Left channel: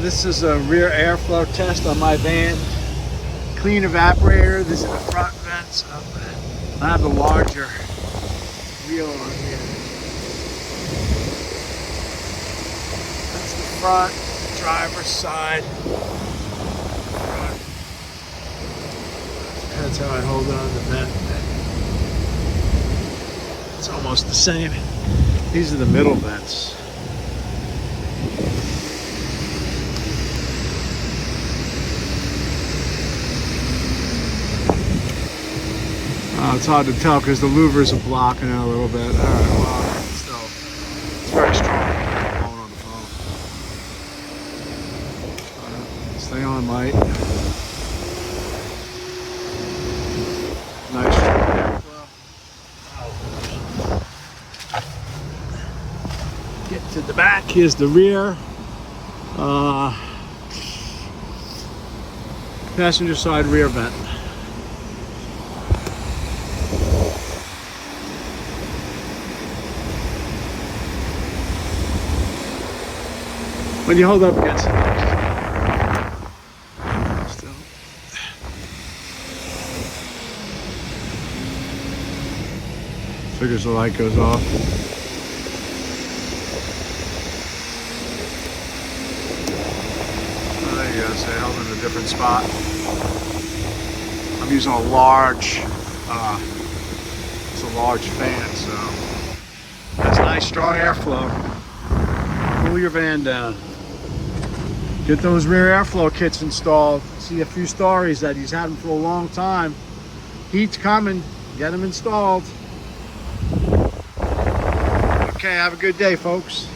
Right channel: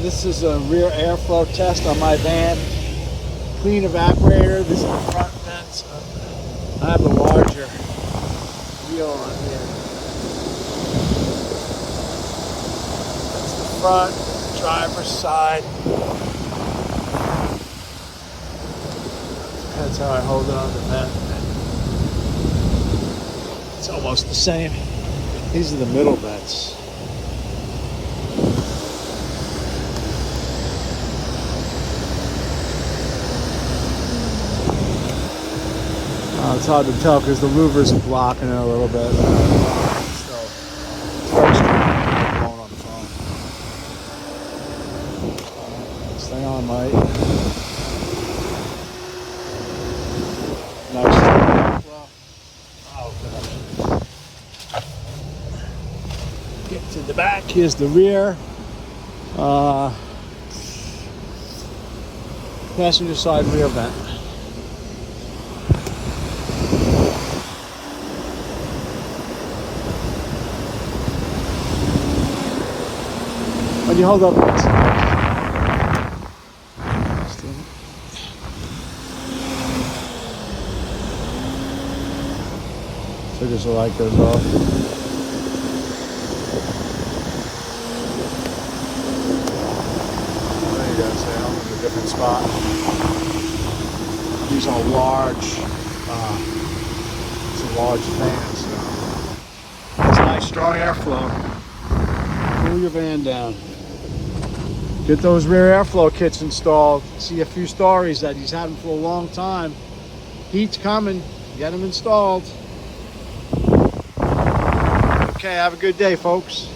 This is a rear airflow test on my van. Clean evaporator. This is the front vents. I have a larger wheel on here. That's the front driver's side. That's how I hold on to the vent. It's almost the same. These are the middle vents. It's hard to tell because the louvers are blocking it a little bit. All right, well, still very strong. I'm blowing on the phone. Stay on, Mike. Nice strong airflow. Get to the back. Here's the rear. Passenger side rear vent. When you hold up against the figures the light goes off. Oh, there you go. So held in a different spot. I'm using a large, it's a large fan, so that's nice strong airflow. Cool your van down. Get those rear airflow kits installed. See a few stories that he's had them for a long time. Heat's coming. Get them installed. Okay, have a good day, folks.